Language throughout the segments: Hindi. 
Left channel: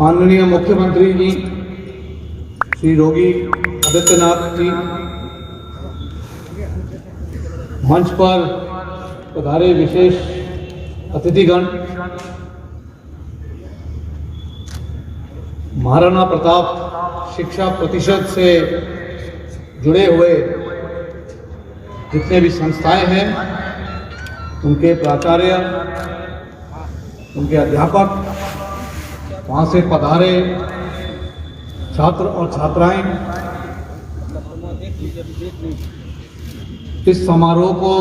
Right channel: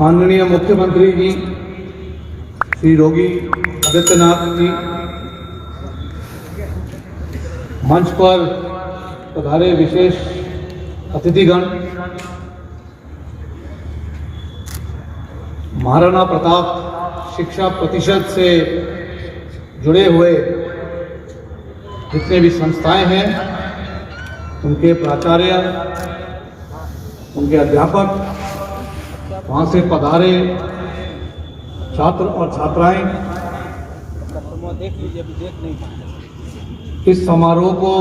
माननीय मुख्यमंत्री जी श्री योगी आदित्यनाथ जी, मंच पर पधारे विशेष अतिथिगण, महाराणा प्रताप शिक्षा प्रतिशत से जुड़े हुए जितने भी संस्थाएं हैं, उनके प्राचार्य, उनके अध्यापक, वहाँ से पधारे छात्र और छात्राएं, इस समारोह को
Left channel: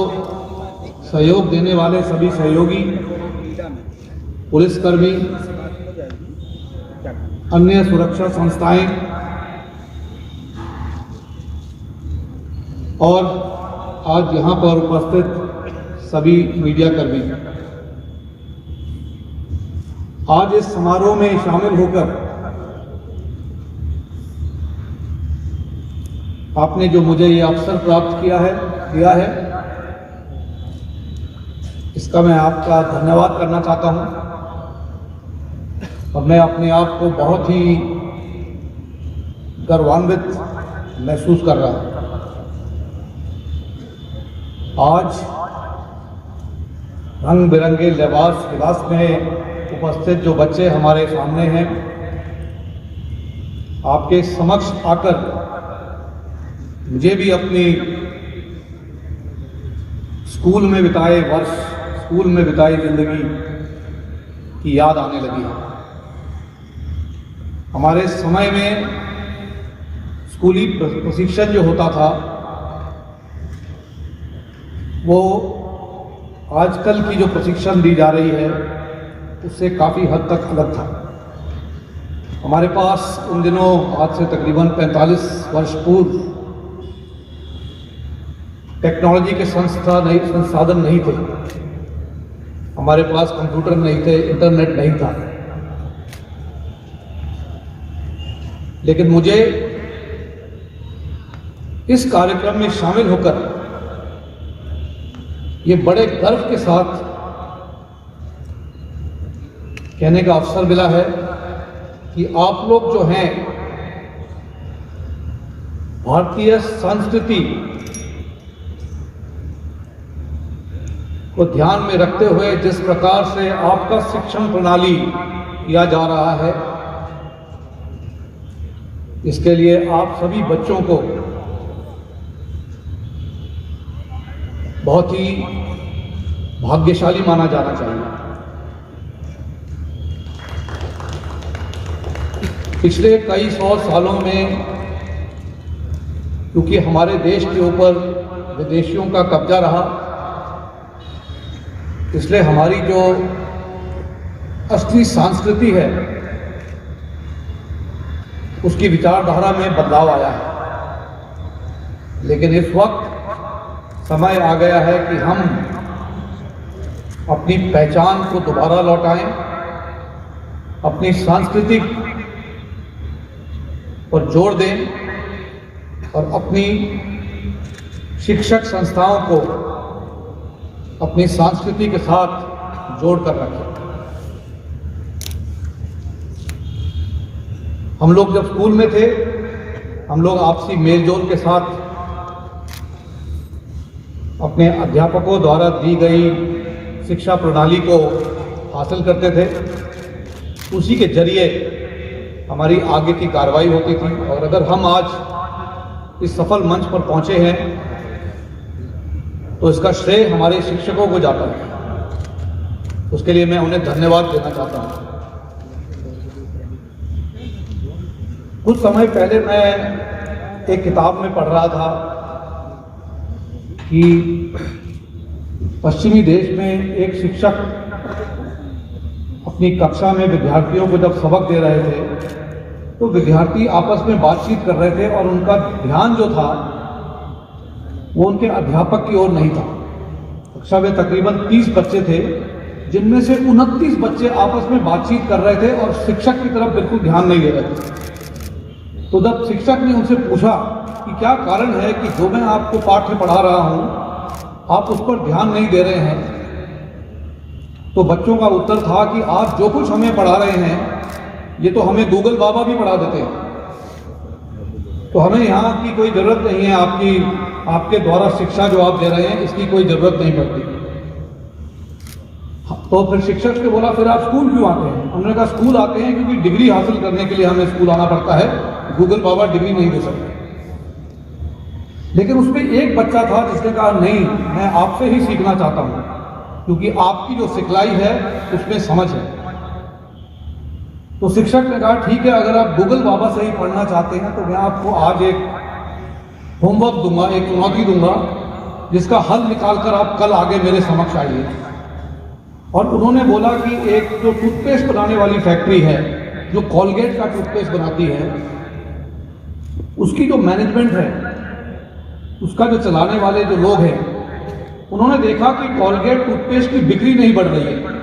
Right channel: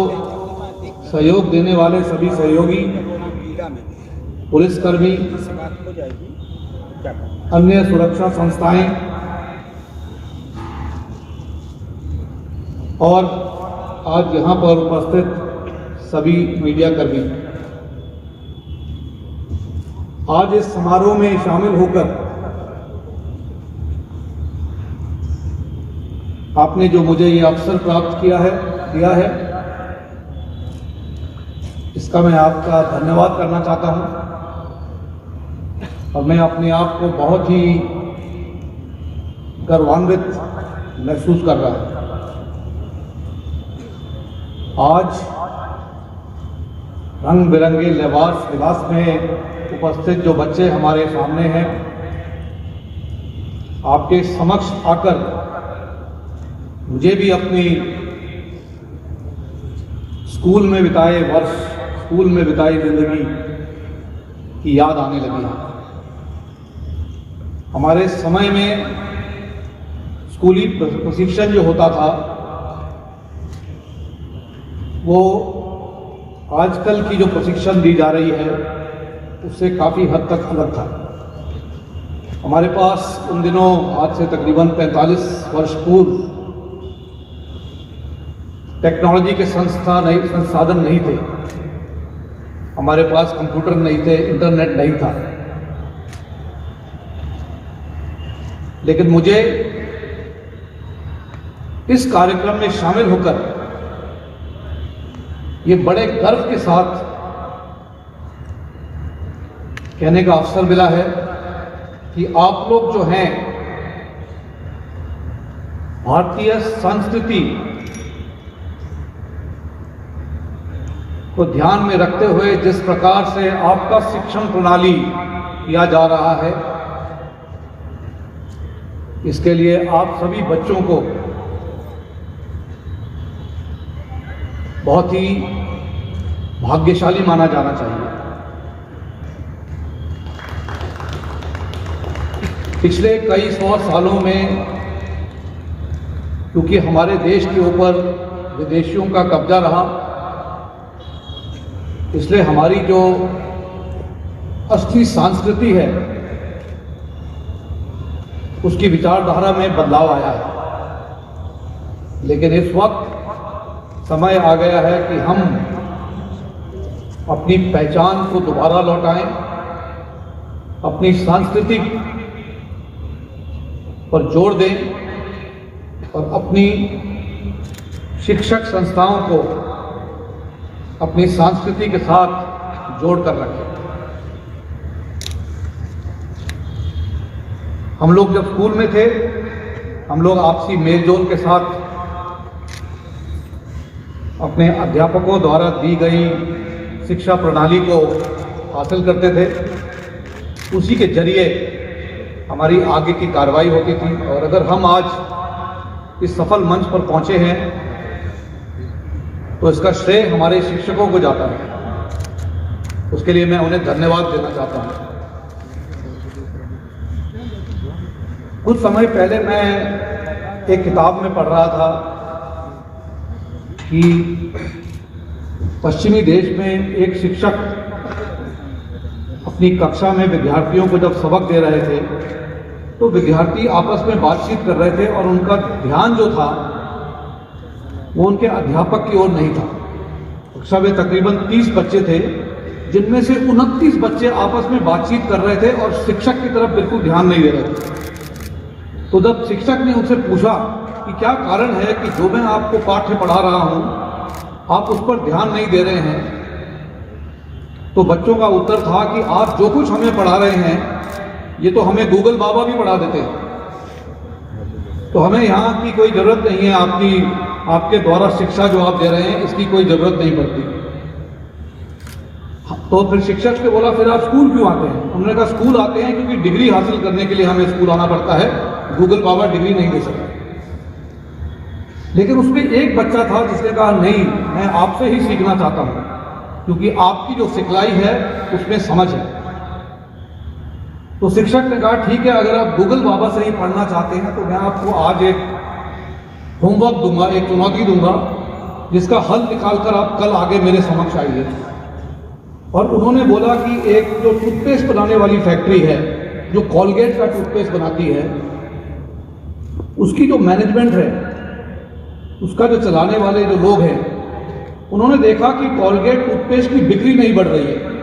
सहयोग देने वाले सभी सहयोगी, पुलिसकर्मी, अन्य सुरक्षा संस्थाएं और आज यहाँ पर उपस्थित सभी मीडिया कर्मी, आज इस समारोह में शामिल होकर आपने जो मुझे ये अवसर प्राप्त दिया है, इसका मैं आपका धन्यवाद करना चाहता हूं और मैं अपने आप को बहुत ही गर्वान्वित महसूस कर रहा हूं। आज रंग बिरंगे लिबास में उपस्थित जो बच्चे हमारे सामने हैं, आपके समक्ष आकर मुझे भी अपनी स्कूल में बिताए वर्ष, स्कूल में बिताई जिंदगी की याद आने लगी। हमारे समय में स्कूली प्रशिक्षण जो होता था वो आजकल की जो प्रशिक्षण दी जा रही है उससे काफ़ी हद तक अलग था। हमारे पास उन दिनों आज से तकरीबन 45 वर्ष पूर्व टेक्नोलॉजी के संसाधन नहीं थे। हमारे पास कंप्यूटर नहीं थे, इंटरनेट नहीं था। लेकिन मुझे इस कार्यक्रम में शामिल होकर ये बड़े गर्व के साथ कहने का अवसर मिला है कि आप लोग जो हैं, भारतीय संस्कृति को ध्यान में रखते हुए जिस प्रकार से आपका शिक्षण प्रणाली किया जा रहा है, इसके लिए आप सभी बच्चों को बहुत ही भाग्यशाली माना जाना चाहिए। पिछले कई सौ सालों में क्योंकि हमारे देश के ऊपर विदेशियों का कब्जा रहा, इसलिए हमारी जो असली संस्कृति है उसकी विचारधारा में बदलाव आया है। लेकिन इस वक्त समय आ गया है कि हम अपनी पहचान को दोबारा लौटाएं, अपनी सांस्कृतिक पर जोर दें और अपनी शिक्षक संस्थाओं को अपनी संस्कृति के साथ जोड़ कर रखें। हम लोग जब स्कूल में थे, हम लोग आपसी मेलजोल के साथ अपने अध्यापकों द्वारा दी गई शिक्षा प्रणाली को हासिल करते थे। उसी के जरिए हमारी आगे की कार्रवाई होती थी और अगर हम आज इस सफल मंच पर पहुंचे हैं तो इसका श्रेय हमारे शिक्षकों को जाता है। उसके लिए मैं उन्हें धन्यवाद देना चाहता हूं। कुछ समय पहले मैं एक किताब में पढ़ रहा था कि पश्चिमी देश में एक शिक्षक अपनी कक्षा में विद्यार्थियों को जब सबक दे रहे थे तो विद्यार्थी आपस में बातचीत कर रहे थे और उनका ध्यान जो था वो उनके अध्यापक की ओर नहीं था। कक्षा में तकरीबन 30 बच्चे थे, जिनमें से 29 बच्चे आपस में बातचीत कर रहे थे और शिक्षक की तरफ बिल्कुल ध्यान नहीं दे रहे थे। तो जब शिक्षक ने उनसे पूछा कि क्या कारण है कि जो मैं आपको पाठ्य पढ़ा रहा हूं आप उस पर ध्यान नहीं दे रहे हैं, तो बच्चों का उत्तर था कि आप जो कुछ हमें पढ़ा रहे हैं ये तो हमें गूगल बाबा भी पढ़ा देते हैं। तो हमें यहाँ की कोई ज़रूरत नहीं है, आपके द्वारा शिक्षा जो आप दे रहे हैं इसकी कोई ज़रूरत नहीं पड़ती। तो फिर शिक्षक ने बोला फिर आप स्कूल क्यों आते हैं? उन्होंने कहा स्कूल आते हैं क्योंकि डिग्री हासिल करने के लिए हमें स्कूल आना पड़ता है, गूगल बाबा डिग्री नहीं दे सकते। लेकिन उसमें एक बच्चा था जिसने कहा नहीं, मैं आपसे ही सीखना चाहता हूँ, क्योंकि आपकी जो सिखलाई है उसमें समझ है। तो शिक्षक ने कहा ठीक है, अगर आप गूगल बाबा से ही पढ़ना चाहते हैं तो मैं आपको आज एक होमवर्क दूंगा, एक चुनौती दूंगा, जिसका हल निकालकर आप कल आगे मेरे समक्ष आइए। और उन्होंने बोला कि एक जो टूथपेस्ट बनाने वाली फैक्ट्री है, जो कॉलगेट का टूथपेस्ट बनाती है, उसकी जो मैनेजमेंट है, उसका जो चलाने वाले जो लोग हैं, उन्होंने देखा कि कॉलगेट टूथपेस्ट की बिक्री नहीं बढ़ रही है।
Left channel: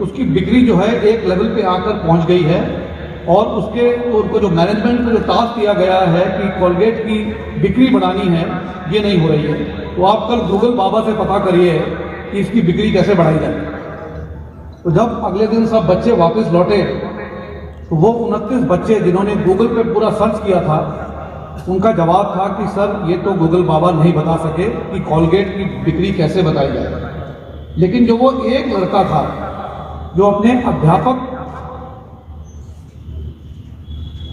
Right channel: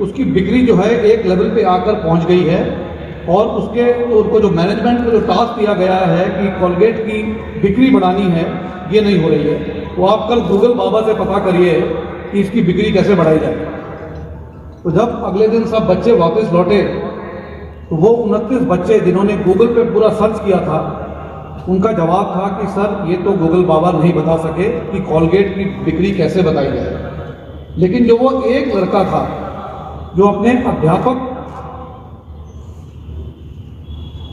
उसकी बिक्री जो है एक लेवल पे आकर पहुंच गई है, और उनको जो मैनेजमेंट को जो टास्क दिया गया है कि कॉलगेट की बिक्री बढ़ानी है, ये नहीं हो रही है। तो आप कल गूगल बाबा से पता करिए कि इसकी बिक्री कैसे बढ़ाई जाए। तो जब अगले दिन सब बच्चे वापस लौटे तो वो 29 बच्चे जिन्होंने गूगल पे पूरा सर्च किया था, उनका जवाब था कि सर ये तो गूगल बाबा नहीं बता सके कि कॉलगेट की बिक्री कैसे बताई जाए। लेकिन जो वो एक लड़का था जो अपने अध्यापक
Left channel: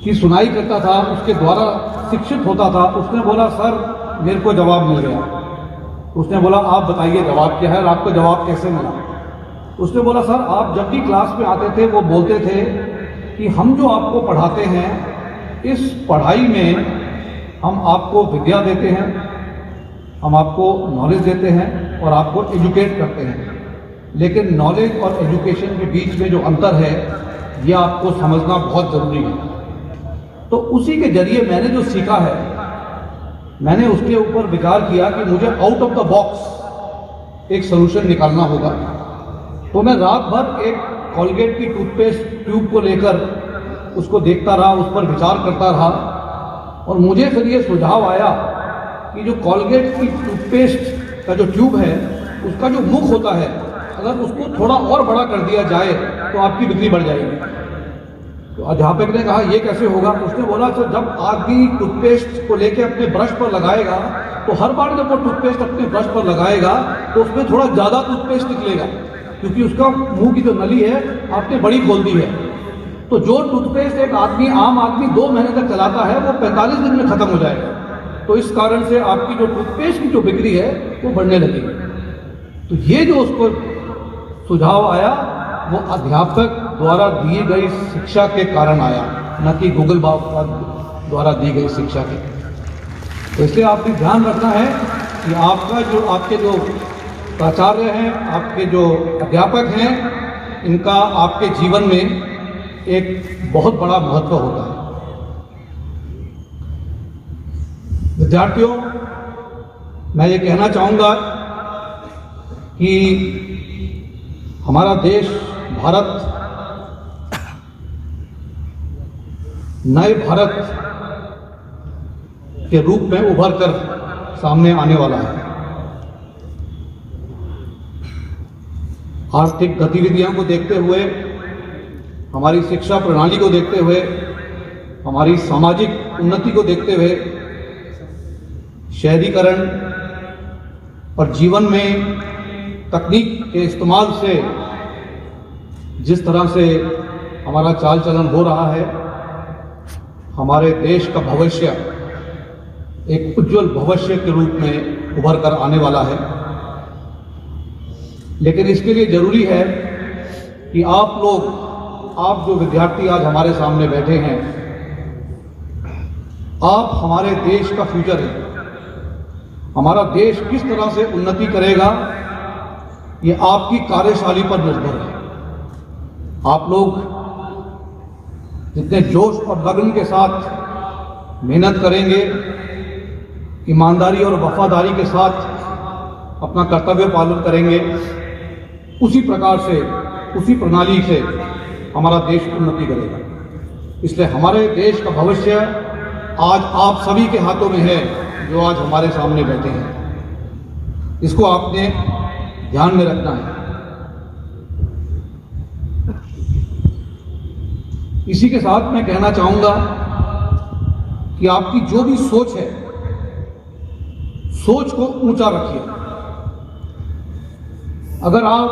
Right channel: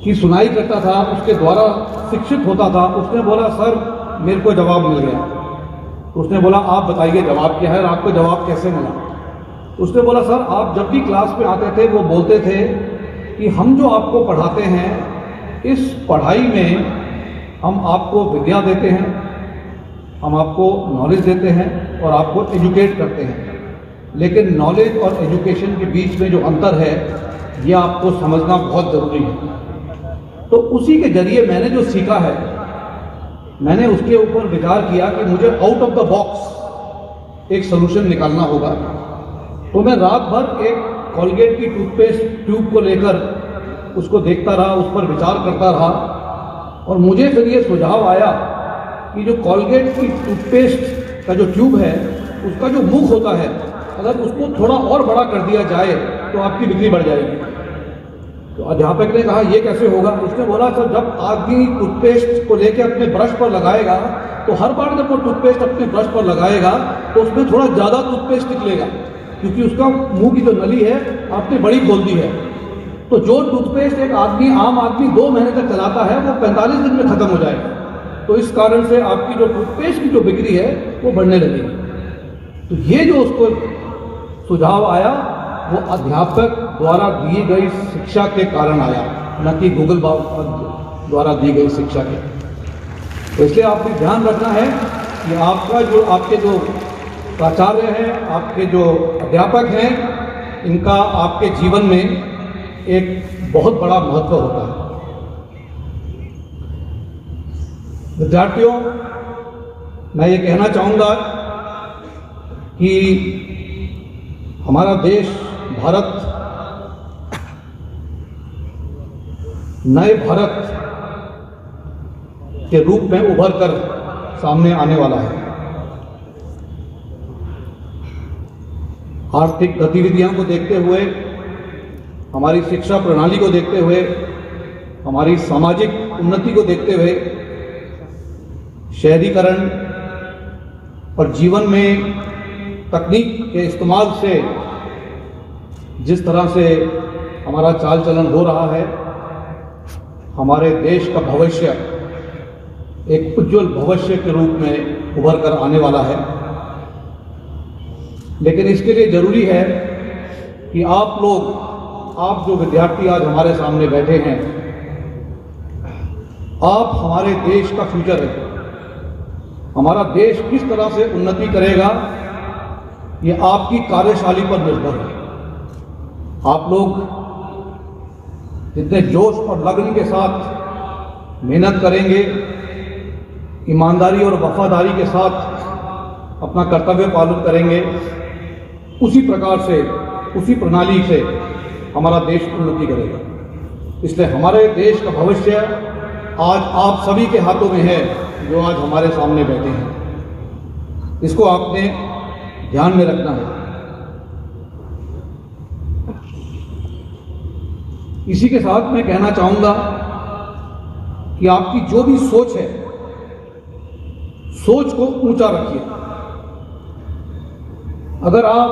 की सुनाई करता था, उसके द्वारा शिक्षित होता था, उसने बोला सर मेरे को जवाब मिल गया। उसने बोला आप बताइए जवाब क्या है और आपको जवाब कैसे मिला? उसने बोला सर आप जब भी क्लास में आते थे वो बोलते थे कि हम जो आपको पढ़ाते हैं इस पढ़ाई में हम आपको विद्या देते हैं, हम आपको नॉलेज देते हैं और आपको एजुकेट करते हैं, लेकिन नॉलेज और एजुकेशन के बीच में जो अंतर है ये आपको समझना बहुत ज़रूरी है। तो उसी के जरिए मैंने जो सीखा है, मैंने उसके ऊपर विचार किया कि मुझे आउट ऑफ द बॉक्स एक सोल्यूशन निकालना होगा। तो मैं रात भर एक कॉलगेट की टूथपेस्ट ट्यूब को लेकर उसको देखता रहा, उस पर विचार करता रहा, और मुझे फिर ये सुझाव आया कि जो कॉलगेट की टूथपेस्ट का जो ट्यूब है, उसका जो मुख होता है, अगर उसको थोड़ा और बड़ा कर दिया जाए तो आपकी बिक्री बढ़ जाएगी। तो अध्यापक ने कहा ये कैसे होगा? उसने बोला सर जब आदमी टूथपेस्ट को लेकर अपने ब्रश पर लगाएगा तो हर बार जब वो टूथपेस्ट अपने ब्रश पर लगाएगा तो उसमें थोड़ा ज़्यादा टूथपेस्ट निकलेगा, क्योंकि उसका मुंह की जो नली है आपने बड़ी खोल दी है। तो जो टूथपेस्ट एक आम आदमी 2 महीने तक चलाता है वो 45 दिन में खत्म हो जाएगा। तो इस कारण से आपकी जो टूथपेस्ट की जो बिक्री है वो बढ़ने लगेगी। तो ये जो उसको सुझाव आया वो अध्यापक द्वारा दी गई शिक्षा के कारण आया, न कि गूगल बाबा द्वारा दी गई शिक्षा के। तो इसलिए आपको ध्यान रखना है कि आपके जो प्राचार्य हैं, आपके जो अध्यापक हैं, इनका आपके जीवन में एक बहुत बड़ा महत्व होता है। विद्यार्थियों, मैं ये कहना चाहूँगा कि हमारा देश भारत नए भारत के रूप में उभर कर सामने आने वाला है। आर्थिक गतिविधियों को देखते हुए, हमारी शिक्षा प्रणाली को देखते हुए, हमारी सामाजिक उन्नति को देखते हुए, शहरीकरण और जीवन में तकनीक के इस्तेमाल से जिस तरह से हमारा चाल चलन हो रहा है, हमारे देश का भविष्य एक उज्जवल भविष्य के रूप में उभर कर आने वाला है। लेकिन इसके लिए जरूरी है कि आप जो विद्यार्थी आज हमारे सामने बैठे हैं, आप हमारे देश का फ्यूचर है। हमारा देश किस तरह से उन्नति करेगा ये आपकी कार्यशैली पर निर्भर है। आप लोग जितने जोश और लगन के साथ मेहनत करेंगे, ईमानदारी और वफादारी के साथ अपना कर्तव्य पालन करेंगे, उसी प्रकार से, उसी प्रणाली से हमारा देश उन्नति करेगा। इसलिए हमारे देश का भविष्य आज आप सभी के हाथों में है, जो आज हमारे सामने बैठे हैं। इसको आपने ध्यान में रखना है। इसी के साथ मैं कहना चाहूंगा कि आपकी जो भी सोच है, सोच को ऊंचा रखिए। अगर आप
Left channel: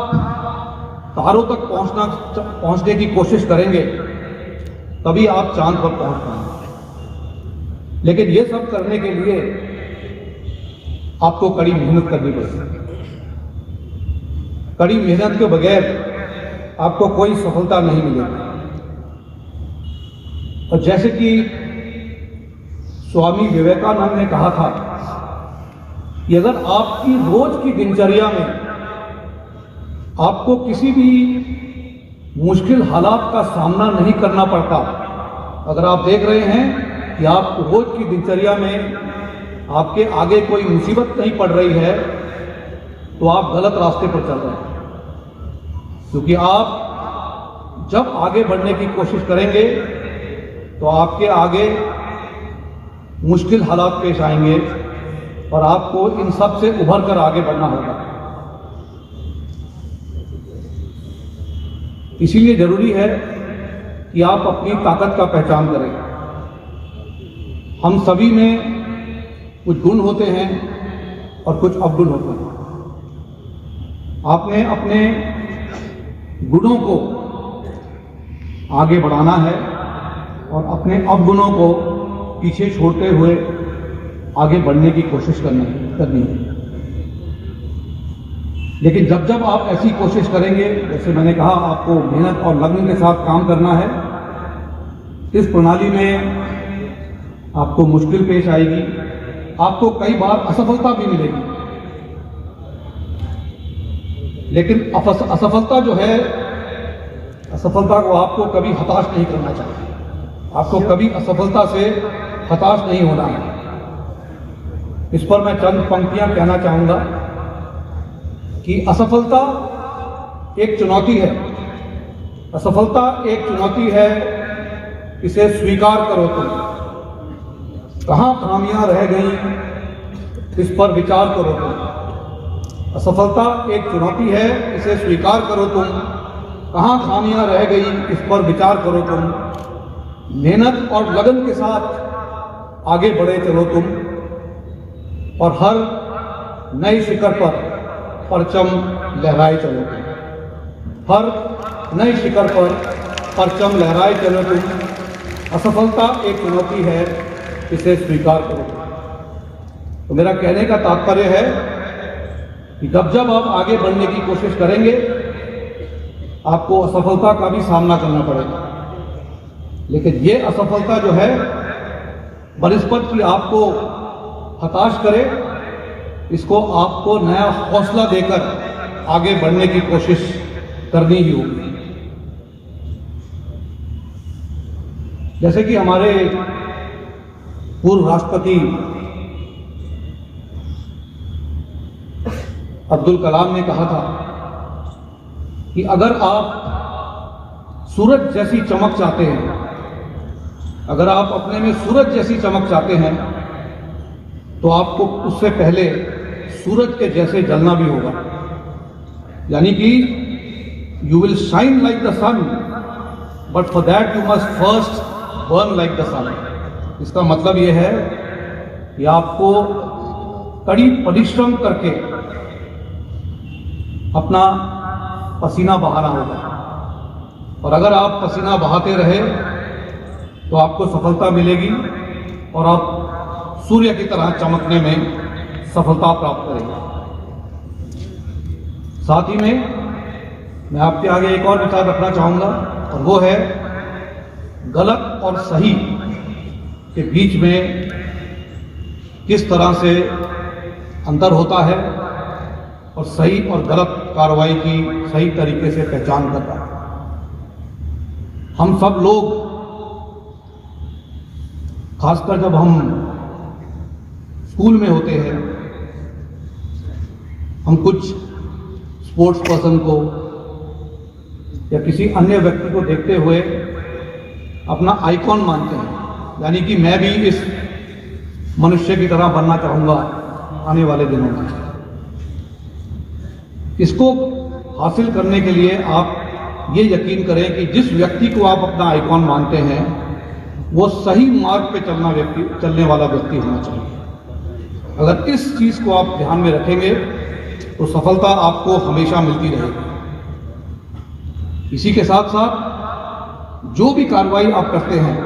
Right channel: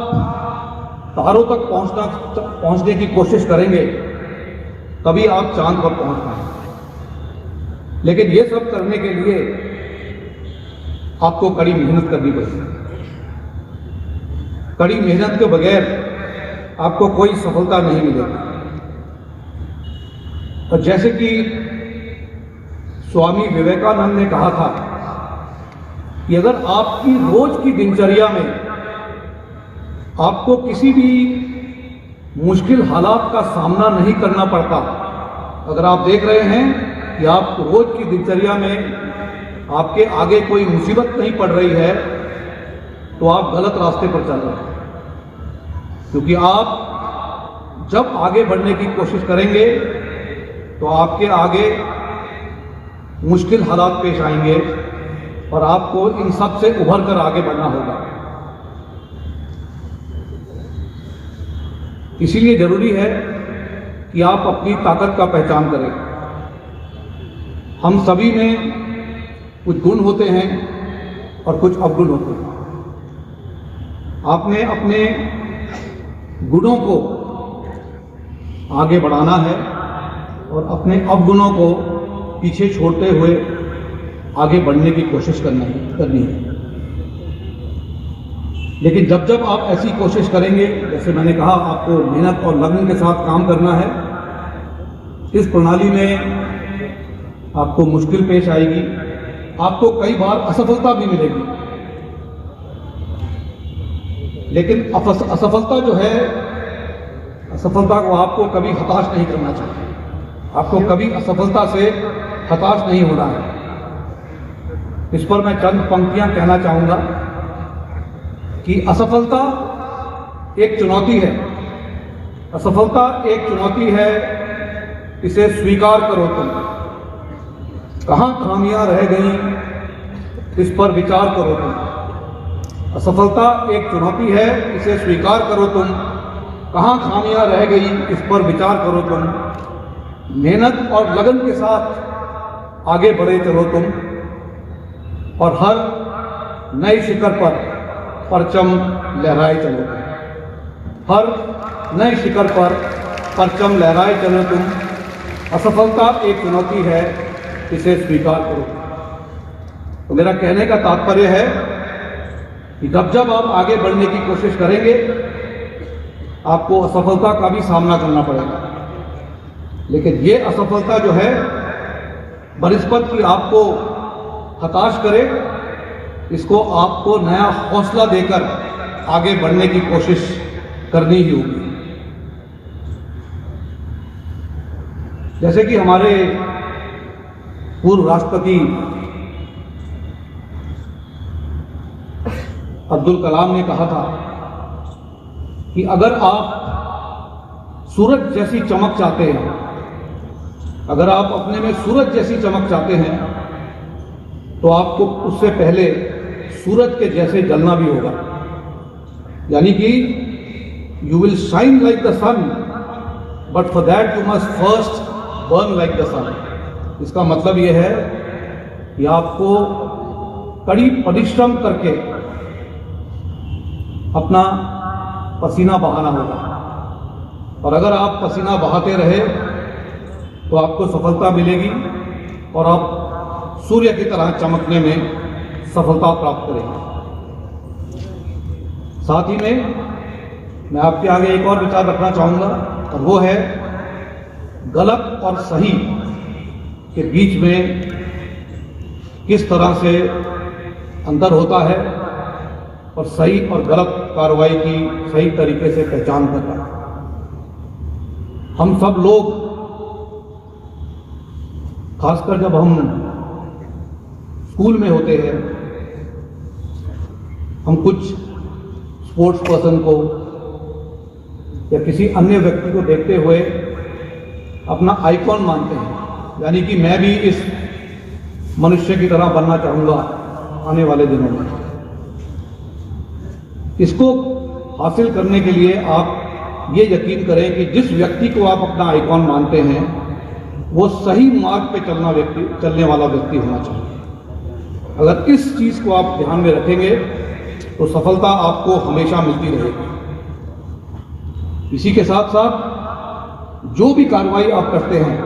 तारों तक पहुंचने की कोशिश करेंगे तभी आप चांद पर पहुंच पाएंगे, लेकिन ये सब करने के लिए आपको कड़ी मेहनत करनी पड़ेगी। कड़ी मेहनत के बगैर आपको कोई सफलता नहीं मिलेगी। और जैसे कि स्वामी विवेकानंद ने कहा था कि अगर आपकी रोज की दिनचर्या में आपको किसी भी मुश्किल हालात का सामना नहीं करना पड़ता, अगर आप देख रहे हैं कि आप रोज की दिनचर्या में आपके आगे कोई मुसीबत नहीं पड़ रही है, तो आप गलत रास्ते पर चल रहे हैं। क्योंकि आप जब आगे बढ़ने की कोशिश करेंगे तो आपके आगे मुश्किल हालात पेश आएंगे और आपको इन सब से उभर कर आगे बढ़ना होगा। इसीलिए जरूरी है कि आप अपनी ताकत का पहचान करें। हम सभी में कुछ गुण होते हैं और कुछ अवगुण होते हैं। आपने अपने गुणों को आगे बढ़ाना है और अपने अवगुणों को पीछे छोड़ते हुए आगे बढ़ने की कोशिश करनी है। लेकिन जब जब आप ऐसी कोशिश करेंगे, जैसे मैंने कहा, आपको मेहनत और लगन के साथ काम करना है। इस प्रणाली में आपको मुश्किल पेश आएगी, आपको कई बार असफलता भी मिलेगी, लेकिन असफलता जो है, असफलता को आपको कभी हताश नहीं करना चाहिए। आपको कभी असफलता से हताश नहीं होना है। इस पर मैं चंद पंक्तियां कहना चाहूंगा कि असफलता एक चुनौती है। असफलता एक चुनौती है, इसे स्वीकार करो तुम। कहां खामियां रह गई, इस पर विचार करो तुम। असफलता एक चुनौती है, इसे स्वीकार करो तुम। कहां खामियां रह गई, इस पर विचार करो तुम। मेहनत और लगन के साथ आगे बढ़े चलो तुम, और हर नई शिखर पर परचम लहराए चलो तुम। हर नई शिखर पर परचम लहराए चलो तुम। असफलता एक चुनौती है, इसे स्वीकार करो। तो मेरा कहने का तात्पर्य है कि जब जब आप आगे बढ़ने की कोशिश करेंगे, आपको असफलता का भी सामना करना पड़ेगा। लेकिन ये असफलता जो है, बनिस्बत की आपको हताश करे, इसको आपको नया हौसला देकर आगे बढ़ने की कोशिश करनी ही होगी। जैसे कि हमारे पूर्व राष्ट्रपति अब्दुल कलाम ने कहा था कि अगर आप सूरज जैसी चमक चाहते हैं, अगर आप अपने में सूरज जैसी चमक चाहते हैं, तो आपको उससे पहले सूरज के जैसे जलना भी होगा। यानी कि you will shine like the sun, but for that you must first burn like the sun. इसका मतलब यह है कि आपको कड़ी परिश्रम करके अपना पसीना बहाना होगा, और अगर आप पसीना बहाते रहे तो आपको सफलता मिलेगी और आप सूर्य की तरह चमकने में सफलता प्राप्त करेंगे। साथ ही में मैं आपके आगे एक और विचार रखना चाहूंगा, और वो है गलत और सही के बीच में किस तरह से अंतर होता है और सही और गलत कार्रवाई की सही तरीके से पहचान करना है। हम सब लोग, खासकर जब हम स्कूल में होते हैं, हम कुछ स्पोर्ट्स पर्सन को या किसी अन्य व्यक्ति को देखते हुए अपना आइकॉन मानते हैं। यानी कि मैं भी इस मनुष्य की तरह बनना चाहूंगा आने वाले दिनों में। इसको हासिल करने के लिए आप ये यकीन करें कि जिस व्यक्ति को आप अपना आइकॉन मानते हैं वो सही मार्ग पे चलने वाला व्यक्ति होना चाहिए। अगर इस चीज को आप ध्यान में रखेंगे तो सफलता आपको हमेशा मिलती रहेगी। इसी के साथ साथ जो भी कार्रवाई आप करते हैं,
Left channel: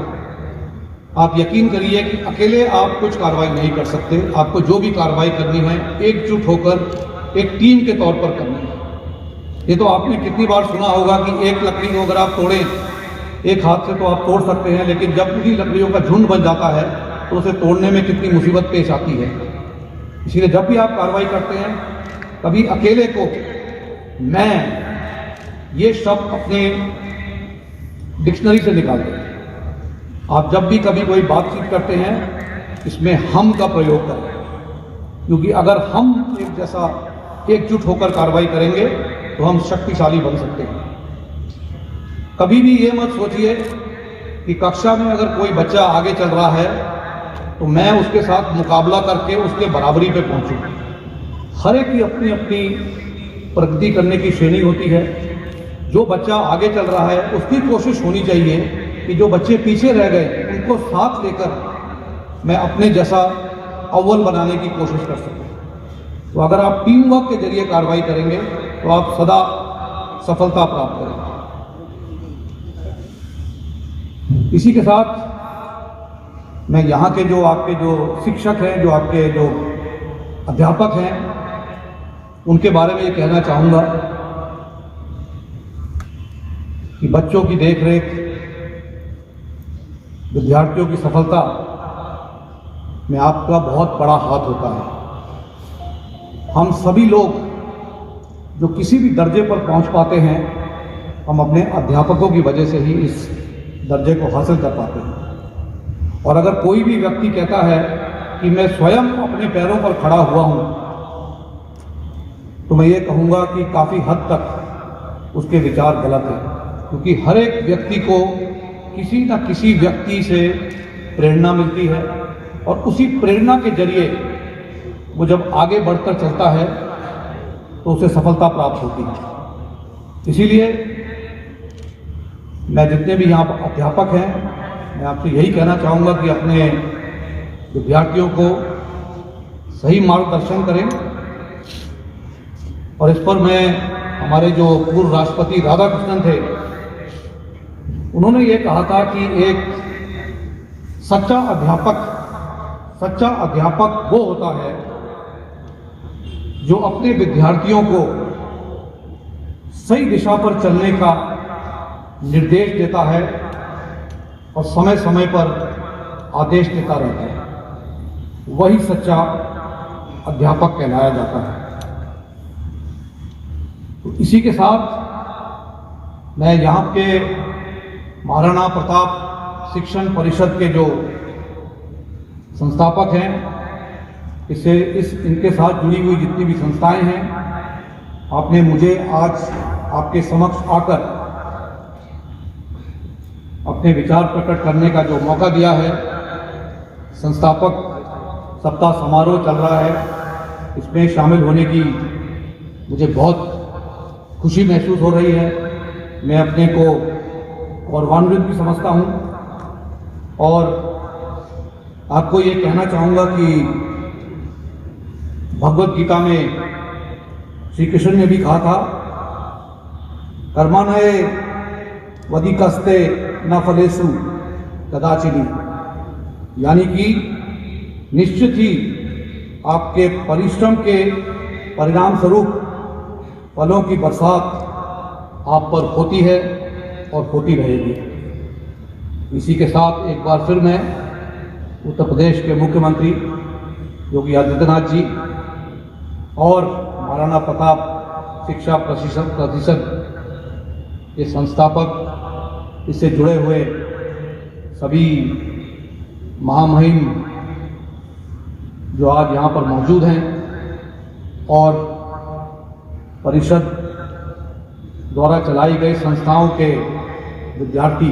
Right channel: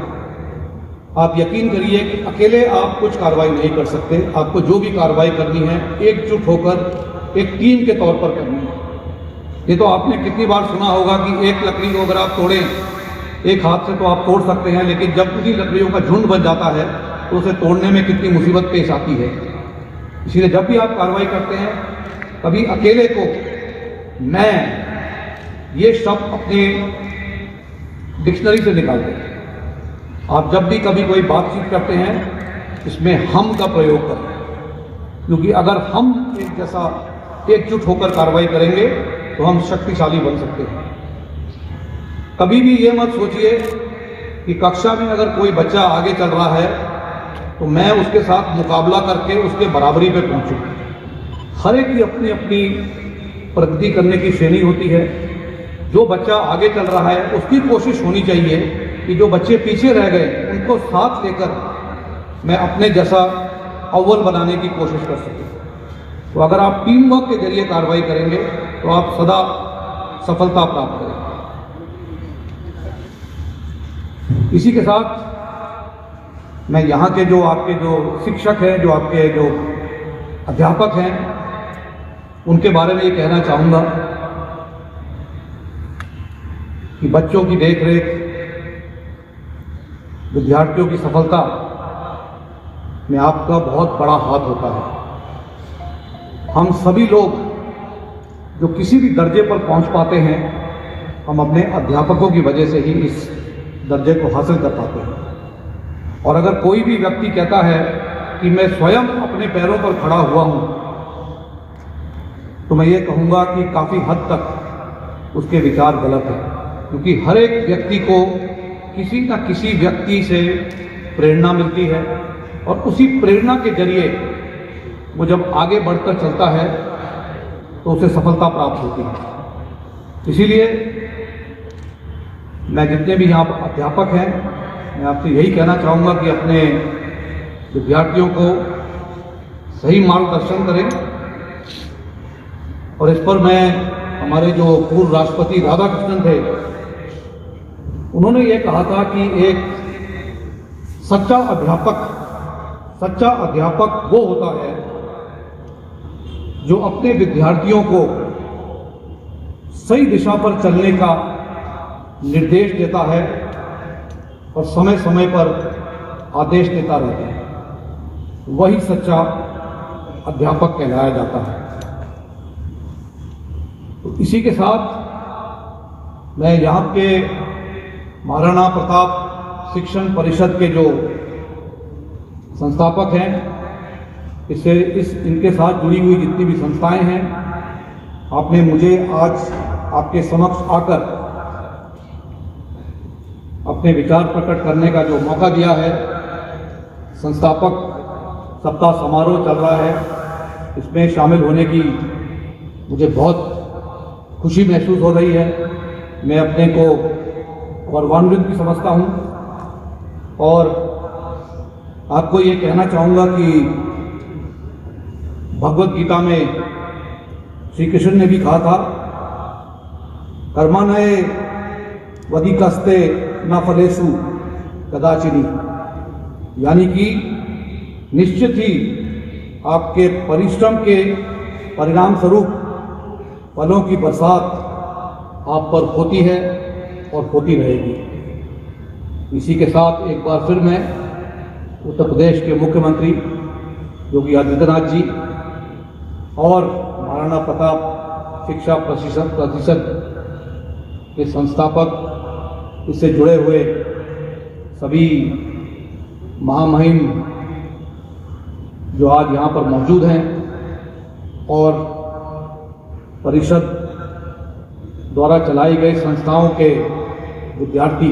आप यकीन करिए कि अकेले आप कुछ कार्रवाई नहीं कर सकते। आपको जो भी कार्रवाई करनी है एकजुट होकर एक टीम के तौर पर करनी है। ये तो आपने कितनी बार सुना होगा कि एक लकड़ी को अगर आप तोड़ें, एक हाथ से तो आप तोड़ सकते हैं, लेकिन जब उसी लकड़ियों का झुंड बन जाता है तो उसे तोड़ने में कितनी मुसीबत पेश आती है। इसीलिए जब भी आप कार्रवाई करते हैं कभी अकेले को मैं ये शब्द अपने डिक्शनरी से निकाल दें। आप जब भी कभी कोई बातचीत करते हैं इसमें हम का प्रयोग करें, क्योंकि अगर हम एक जैसा एकजुट होकर कार्रवाई करेंगे तो हम शक्तिशाली बन सकते हैं। कभी भी ये मत सोचिए कि कक्षा में अगर कोई बच्चा आगे चल रहा है तो मैं उसके साथ मुकाबला करके उसके बराबरी पे पहुंचूं। हर एक की अपनी अपनी प्रगति करने की श्रेणी होती है। जो बच्चा आगे चल रहा है उसकी कोशिश होनी चाहिए कि जो बच्चे पीछे रह गए उनको साथ लेकर मैं अपने जैसा अव्वल बनाने की कोशिश कर सकूं। तो अगर आप टीम वर्क के जरिए कार्रवाई करेंगे तो आप सदा सफलता प्राप्त करेंगे। इसी के साथ मैं यहाँ के जो आपके जो शिक्षक हैं, जो आपके जो अध्यापक हैं, उनके बारे में ये कहना चाहूँगा कि बच्चों की देखरेख, विद्यार्थियों की सफलता में आपका बहुत बड़ा हाथ होता है। हम सभी लोग जो किसी भी दर्जे पर पहुंच पाते हैं, हम अपने अध्यापकों की वजह से ही इस दर्जे को हासिल कर पाते हैं। और अगर कोई भी व्यक्ति कहता है कि मैं स्वयं अपने पैरों पर खड़ा हुआ हूं, तो मैं ये कहूँगा कि काफ़ी हद तक उसके विचार गलत हैं, क्योंकि हर एक व्यक्ति को किसी न किसी व्यक्ति से प्रेरणा मिलती है और उसी प्रेरणा के जरिए वो जब आगे बढ़कर चलता है तो उसे सफलता प्राप्त होती है। इसीलिए मैं जितने भी यहाँ अध्यापक हैं, मैं आपसे यही कहना चाहूँगा कि अपने विद्यार्थियों को सही मार्गदर्शन करें। और इस पर मैं हमारे जो पूर्व राष्ट्रपति राधाकृष्णन थे, उन्होंने ये कहा था कि एक सच्चा अध्यापक वो होता है जो अपने विद्यार्थियों को सही दिशा पर चलने का निर्देश देता है और समय समय पर आदेश देता रहता है। वही सच्चा अध्यापक कहलाया जाता है। तो इसी के साथ मैं यहाँ के महाराणा प्रताप शिक्षण परिषद के जो संस्थापक हैं, इनके साथ जुड़ी हुई जितनी भी संस्थाएं हैं, आपने मुझे आज आपके समक्ष आकर अपने विचार प्रकट करने का जो मौका दिया है। संस्थापक सप्ताह समारोह चल रहा है, इसमें शामिल होने की मुझे बहुत खुशी महसूस हो रही है। मैं अपने को गौरवान्वित भी समझता हूँ और आपको ये कहना चाहूँगा कि भगवत गीता में श्री कृष्ण ने भी कहा था, कर्मण्ये वधिकस्ते न फलेषु कदाचिनि, यानी कि निश्चित ही आपके परिश्रम के परिणाम स्वरूप फलों की बरसात आप पर होती है और होती रहेगी। इसी के साथ एक बार फिर मैं उत्तर प्रदेश के मुख्यमंत्री योगी आदित्यनाथ जी और महाराणा प्रताप शिक्षा प्रतिशत के संस्थापक, इससे जुड़े हुए सभी महामहिम जो आज यहाँ पर मौजूद हैं और परिषद द्वारा चलाई गई संस्थाओं के विद्यार्थी,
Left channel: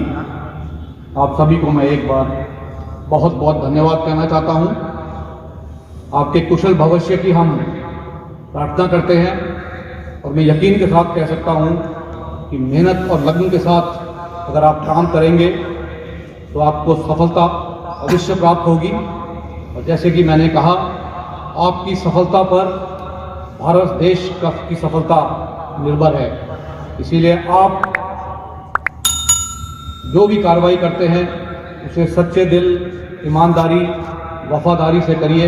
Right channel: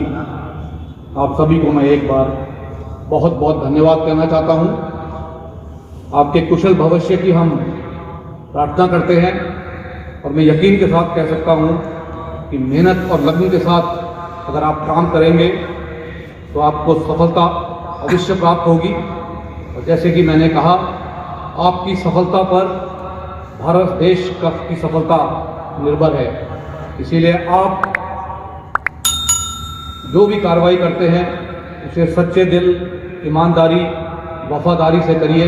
आप सभी को मैं एक बार बहुत बहुत धन्यवाद कहना चाहता हूँ। आपके कुशल भविष्य की हम प्रार्थना करते हैं और मैं यकीन के साथ कह सकता हूँ कि मेहनत और लगन के साथ अगर आप काम करेंगे तो आपको सफलता अवश्य प्राप्त होगी। और जैसे कि मैंने कहा, आपकी सफलता पर भारत देश की सफलता निर्भर है। इसीलिए आप जो भी कार्रवाई करते हैं उसे सच्चे दिल, ईमानदारी, वफादारी से करिए।